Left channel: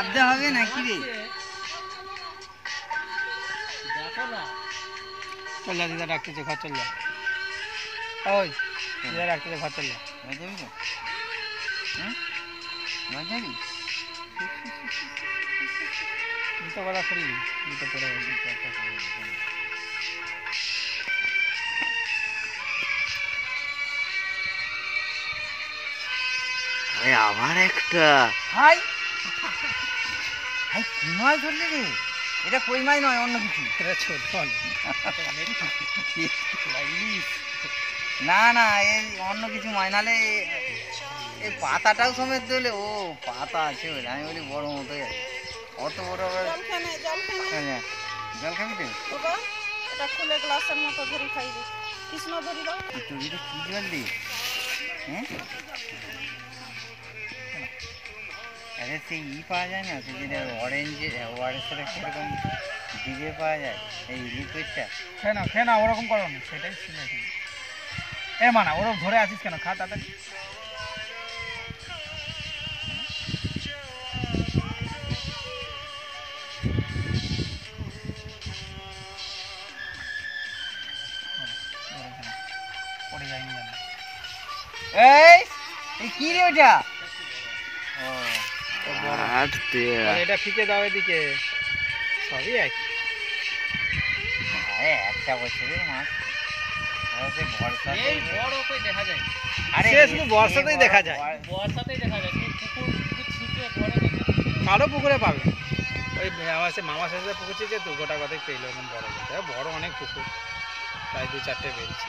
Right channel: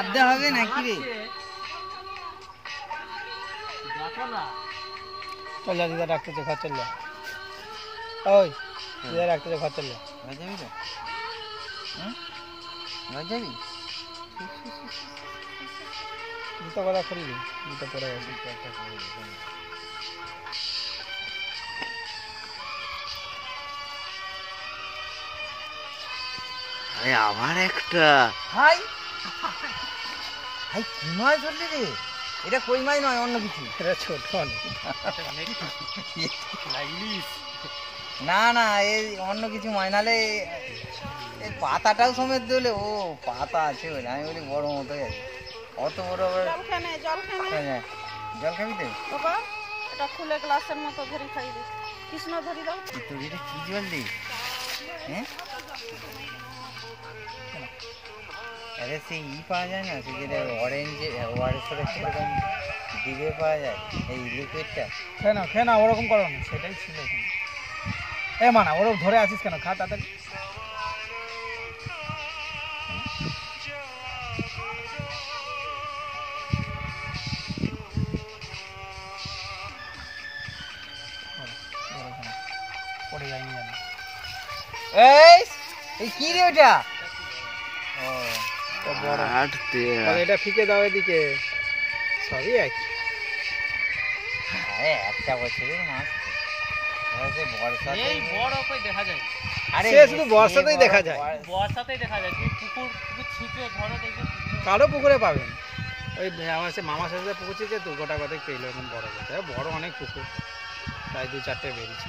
চাপতে হবে নাকি রে? দেখো না চল যা দিদা ডাকতেছে, ঘর চল যা। ওই দিদা ডাকতেছে, ঘর চল যা। ঘর যাবি তো? হ্যাঁ ঘর যাবি? জুতো কথা খুলবি, জুতো পরে গেছে। আরে আবার একটা হাই হাই কি মাছ ধরলি রে? এটা কই মাছ নয়, অন্য কিছু। না না এই অন্য কিছু মাছ, নাহলে এই পাতাটাও সমেত দিলে। ও পাতা আছে বলে আমি বলি বড় মতো আছে। অত বড় বড় হ্যাঁ জল খাবি তো? ওটা খুলে গ্লাসের মতো ভরি খাইবি। কৃষ্ণ ভরি দাও। তুই এটা কি জল দি? হ্যাঁ আরে সেই পাওয়া যায় না, তুই যেটা অরেঞ্জ ওয়ারেসের সেরকম দিকে পাওয়া যায় এই লিকুইডটা। খেয়ে না ওরকম করো না, সেটাই ছিল এখানে। এ মানা ওরকম ধরে আছিস কেন? খা তাড়াতাড়ি। পড়ে যায়নি জানো। এই কি রে ওটা? এটা ফিকে দাও এদিকে, সবই একই। আরে একটা বছরের মাছ ভরসা এই বড় কই দেখা যায়? আরে শুধু বর্ষাতেই দেখা যায়, বর্ষাতেই দেখা যায়। পুকুর পুকুর ছিপে ধরো দেখে কারো পুকুরে পাবে। ওই আমার সে মামা শেষে পুকুর ছিল তো, গোটা কথাই পেলো এখন বড় কথা। বড় অনেক পুকুর, প্রায় 2-4টে বেরিয়েছে।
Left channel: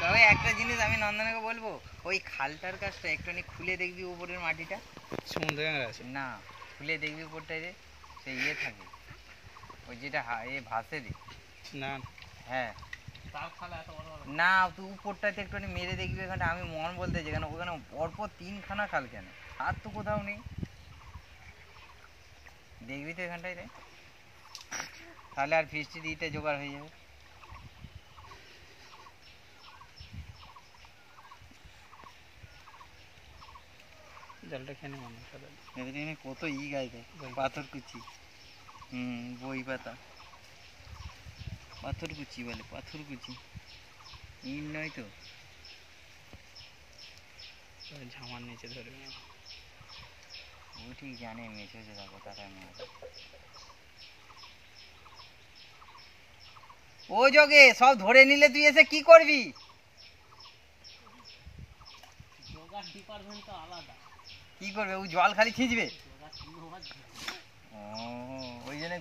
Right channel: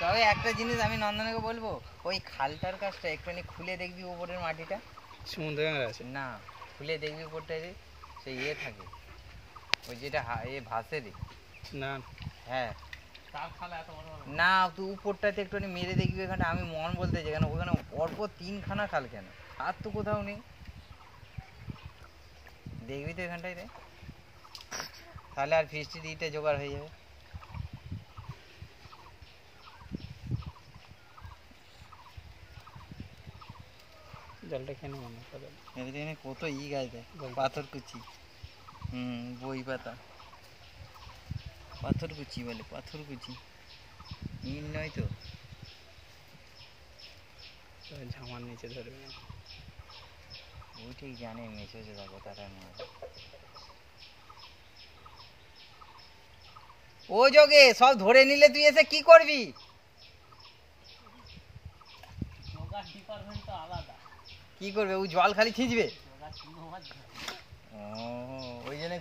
তবে একটা জিনিস আমি নন্দনকে বলবো, ওই খালটার কাছটা একটুখানি খুলে দেখবি উপরের মাটিটা। সমুদ্রে আছে না খুলে দেখবি উপরটায় রে, সে ইয়ে থাকে ওই যেটা ভাসে রে। না হ্যাঁ তার খালে এত বড় বড় না তুই উপরটাতে একটুখানি মেরে দেখবি। এখানে আমি মন বলতে যেখানে ওখানে পরপর 3খানা খাল, কেন আর তো কোথাও নেই। দেখবি তো এখানটায় রে, তাহলে আর ফিস্টি দিতে জোগাড় হয়ে যাবে। জলটা খেয়ে নেব না। এখানে কত গাছ, পাথর কুচি, বই পাতা, পাথর কুচি বলে, পাথর কুচি ইন নয় তো। ঝামার নিচে ধরবে না, ও ঠিক জানে মেসেজে থাকো তারা নিয়ে। ও যোগে সব ধরে নিলে তুই এসে কি করবি? যোগার ডিপার্টমেন্ট তো আলাদা। কি করবে ও? জল খালি খিঁচবে। যোগার চিনো মাছ ও ওই জন্য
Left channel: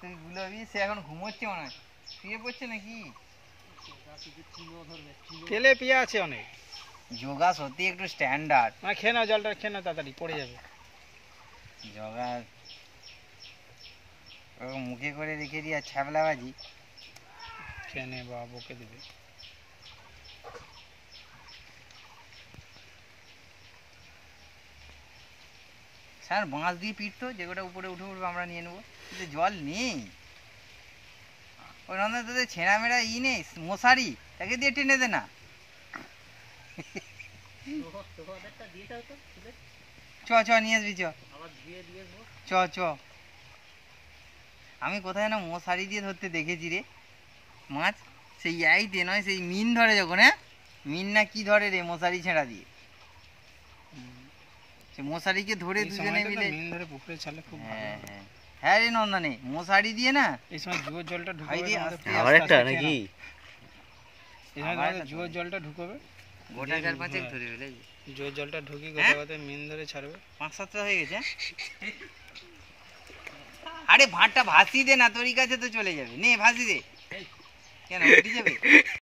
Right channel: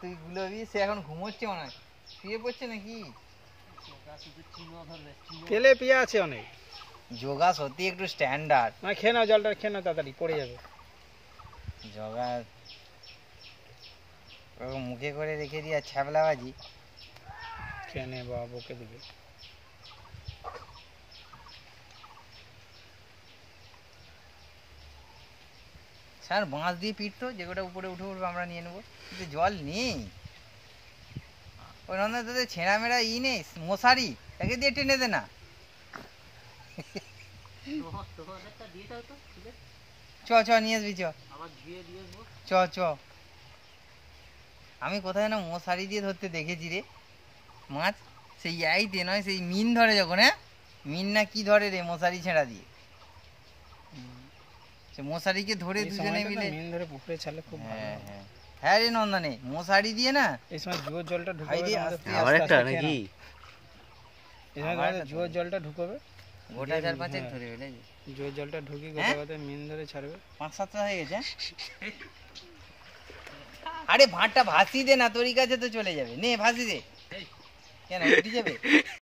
তুই গুলোবি। সে এখন ঘুমোচ্ছে মনে হয়, শুয়ে পড়ছে নাকি? যোগা শুধু চিনো ধরবে। তেলে পিয়া আছে অনেক। যোগা সত্যি একটু স্ট্যান্ডার্ড। না খেয়ে নাও জলটা, খেয়ে নাও তাড়াতাড়ি, পড়ে যাবে। যোগা মুখে করে রেখে দিয়ে ছ্যাবলাবাজি। খেয়ে নে বাবা, বকে দিবে। স্যার বাঁশ দিয়ে পিটতো, যেগুলো উপরে উঠে উঠবে আমরা নিয়ে নেবো, কিন্তু জল নেই। ওই নন্দন তোদের ছেঁড়া মেড়া নেই মশারি, তাকে দিয়ে টেনে দে না। চ নিয়ে আসবি, চ আবার ধুয়ে দিয়ে আসবো। চ আমি কোথায় না মশারি দিয়ে ধরতে দেখেছি রে মাছ। সেই আইতে নয়, সেই মিন ধরে যখন, হ্যাঁ মিন না কি ধরে রে মশারি ছেঁড়া দিয়ে। সে মশারিকে ধরে দুজনে মিলে মিন ধরে পুকুরে ছাড়লে খুব ভালো। হ্যাঁ হ্যাঁ রে নন্দনে, মশারি দিয়ে না এই সময় জুয়োর জলটা ঢুকবে আবার একটা নাকি? এই সময় জুয়োর জলটা ঢুকবে, গোটা 4-5 ধরে ফেলে। জুয়োর জলটা ঢুকি গোটা গোটা মিন ধরে ছাড়বে। 5-7টা হয়ে গেছে। আরে ভাতটা ভাসি দে না, তোর কাছে তো চলে যাবে। নে ভাসি দে, কেন উঠে যাবে।